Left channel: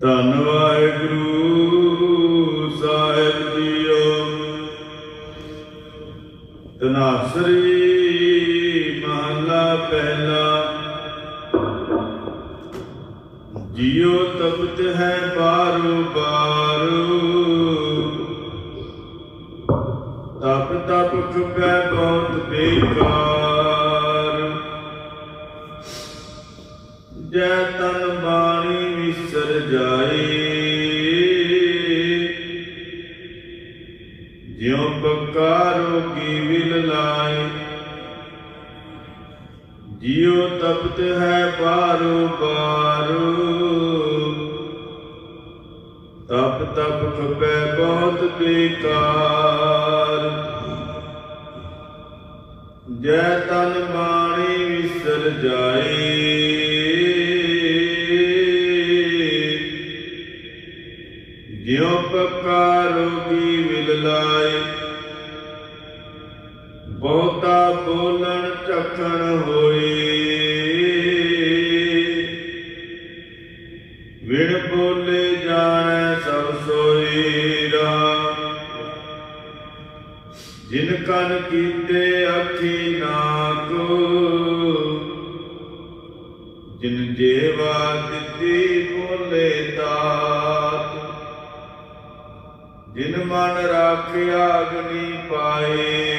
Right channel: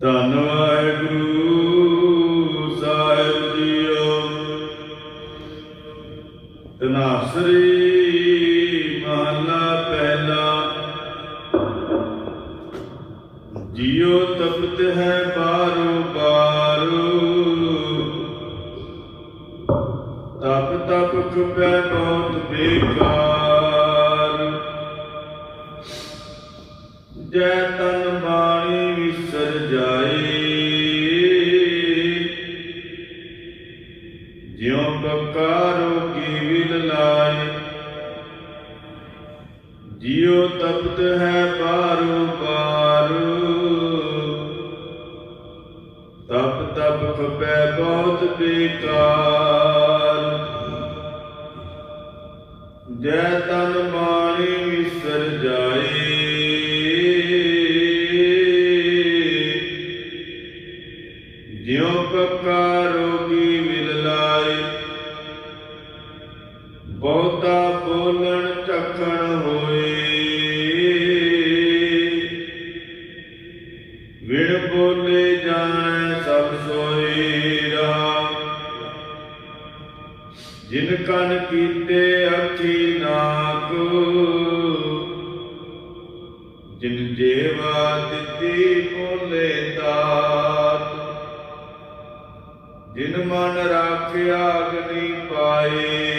ਧੰਨ ਵਾਹਿਗੁਰੂ ਸਾਹਿਬ ਜੀਓ। ਤਨਾਸਰੀ ਮਹਲਾ ਪਹਿਲਾ। ਜੀਉ ਤਪਤ ਹੈ ਬਾਰੋ ਬਾਰੋ। ਤਪ ਤਪ ਚੁਪੈ ਬਹੁਤ ਬੇਕਾਰ। ਜੈ ਜਿਉ ਤਪਤ ਹੈ ਬਾਰੋ ਬਾਰੋ। ਤਪ ਤਪ ਖਪੈ ਬਹੁਤ ਬੇਕਾਰ। ਜੈ ਤਨ ਬਾਣੀ ਵਿਸਰ ਜਾਏ। ਜਿਉ ਪੱਕਾ ਰੋਗੀ ਵਿਲ ਲਾਏ। ਬਹੁਤਾ ਬੋਲਣ ਝਖਣ ਜਿਨ ਕਨ ਕੀਤੇ ਅੱਖੀ ਨਾਕ, ਜਿਨ ਜੇਵਾ ਦਿੱਤੀ ਬੋਲੇ ਤਾਤ ਜਿਨ ਮਨ ਰਾਖਿਆ ਅਗਨੀ ਪਾਏ।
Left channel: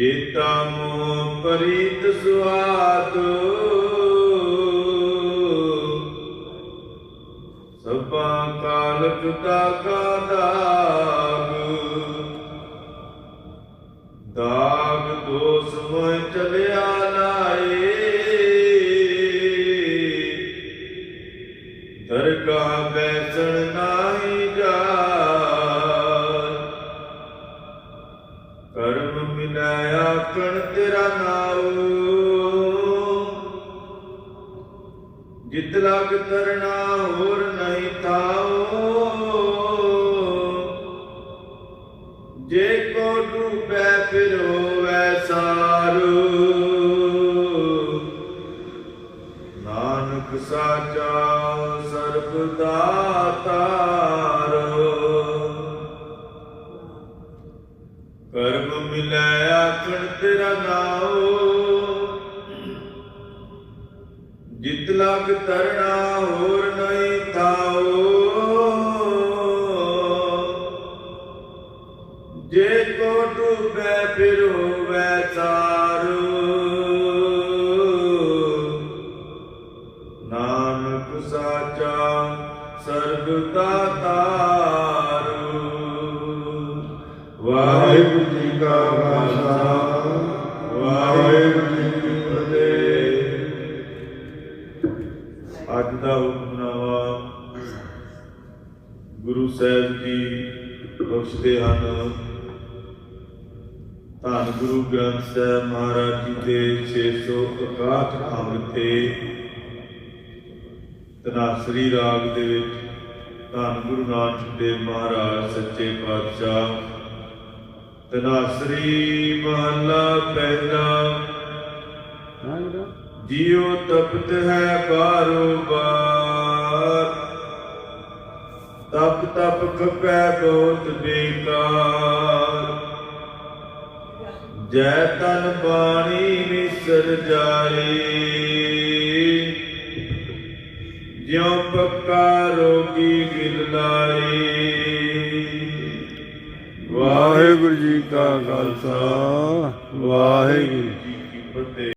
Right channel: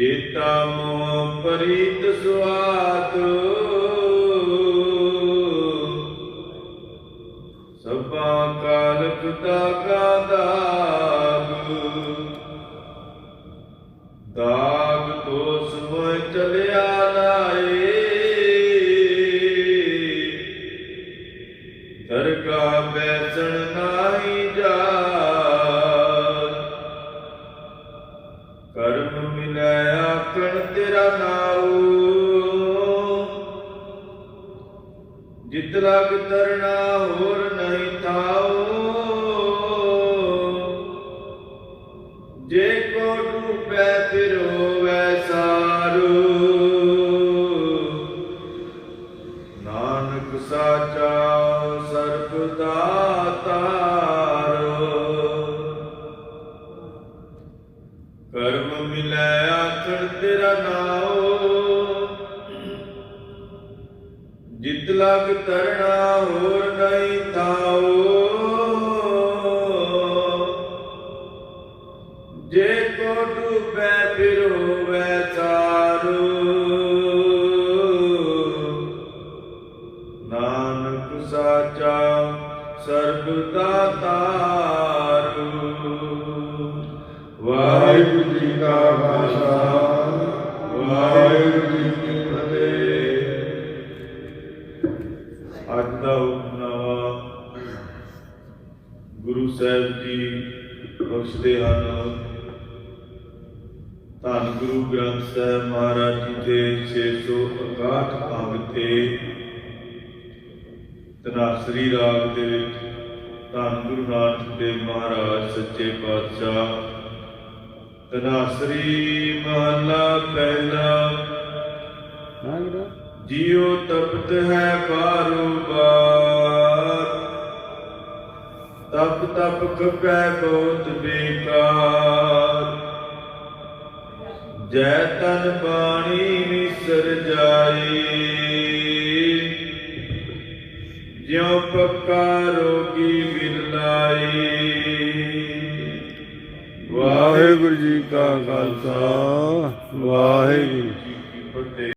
ਜੇਤਾ ਮੋ ਪਰੀਤ ਸੁਆਤ। ਸਭਾ ਕਾਲ ਪਿਤਾ ਕਾ ਦਾਗ। ਦਾਗ ਦੋਸ ਹੋਇ ਚਲਿਆ ਲਾਏ ਦਰਗਾਹ ਬੈਸਣ ਨਾਹੀ ਜਾ ਕਰਮ ਮਿਲਾਇਆ ਤੇਰਾ ਨਾਉ ਜਿਤ ਲਗ ਤਰਨਾ ਹੋਰ ਨਹੀਂ ਤਾਉ ਜੇ ਕੋ ਡੂਬੈ ਫਿਰ ਹੋਵੈ ਸਾਰੂ। ਨਾਨਕ ਸਾਚਾ ਸਰਬ ਦਾਤਾਰੋ ਕਰਮ ਮਿਲੈ ਤੇਰਾ ਨਾਉ। ਜਿਤ ਲਗ ਤਰਣਾ ਹੋਰ ਨਹੀਂ ਤਾਉ ਜੇ ਕੋ ਡੂਬੈ ਫਿਰ ਹੋਵੈ ਤਾਰੂ ਨਾਨਕ ਸਾਚਾ ਸਰਬ ਦਾਤਾਰੂ ਵਾਹਿਗੁਰੂ ਜੀ ਕਾ ਖਾਲਸਾ। ਅੱਜ ਦਾ ਹੁਕਮਨਾਮਾ ਗੁਰੂ ਸਾਹਿਬ ਜੀ ਬਖਸ਼ਦੇ ਹਨ। ਧੰਨ ਗੁਰੂ ਗ੍ਰੰਥ ਸਾਹਿਬ ਮਹਾਰਾਜ ਜੀ ਦੇ 661 ਅੰਗ ਤੇ ਤਨਾਸਰੀ ਰਾਗ ਦੇ ਵਿੱਚ ਧੰਨ ਗੁਰੂ ਨਾਨਕ ਦੇਵ ਮਹਾਰਾਜ ਸੱਚੇ ਪਾਤਸ਼ਾਹ ਤਨਾਸਰੀ ਮਹਲਾ ਪਹਿਲਾ ਜਿਉ ਤਪਤ ਹੈ ਬਾਰੋ ਬਾਰ ਤਪ ਤਪ ਖਪੈ ਬਹੁਤ ਬੇਕਾਰ। ਜੈ ਤਨ ਬਾਣੀ ਵਿਸਰ ਜਾਏ। ਜਿਉ ਪੱਕਾ ਰੋਗੀ ਵਿਲ ਵਾਹਿਗੁਰੂ ਜੀ ਕਾ ਖਾਲਸਾ, ਵਾਹਿਗੁਰੂ ਜੀ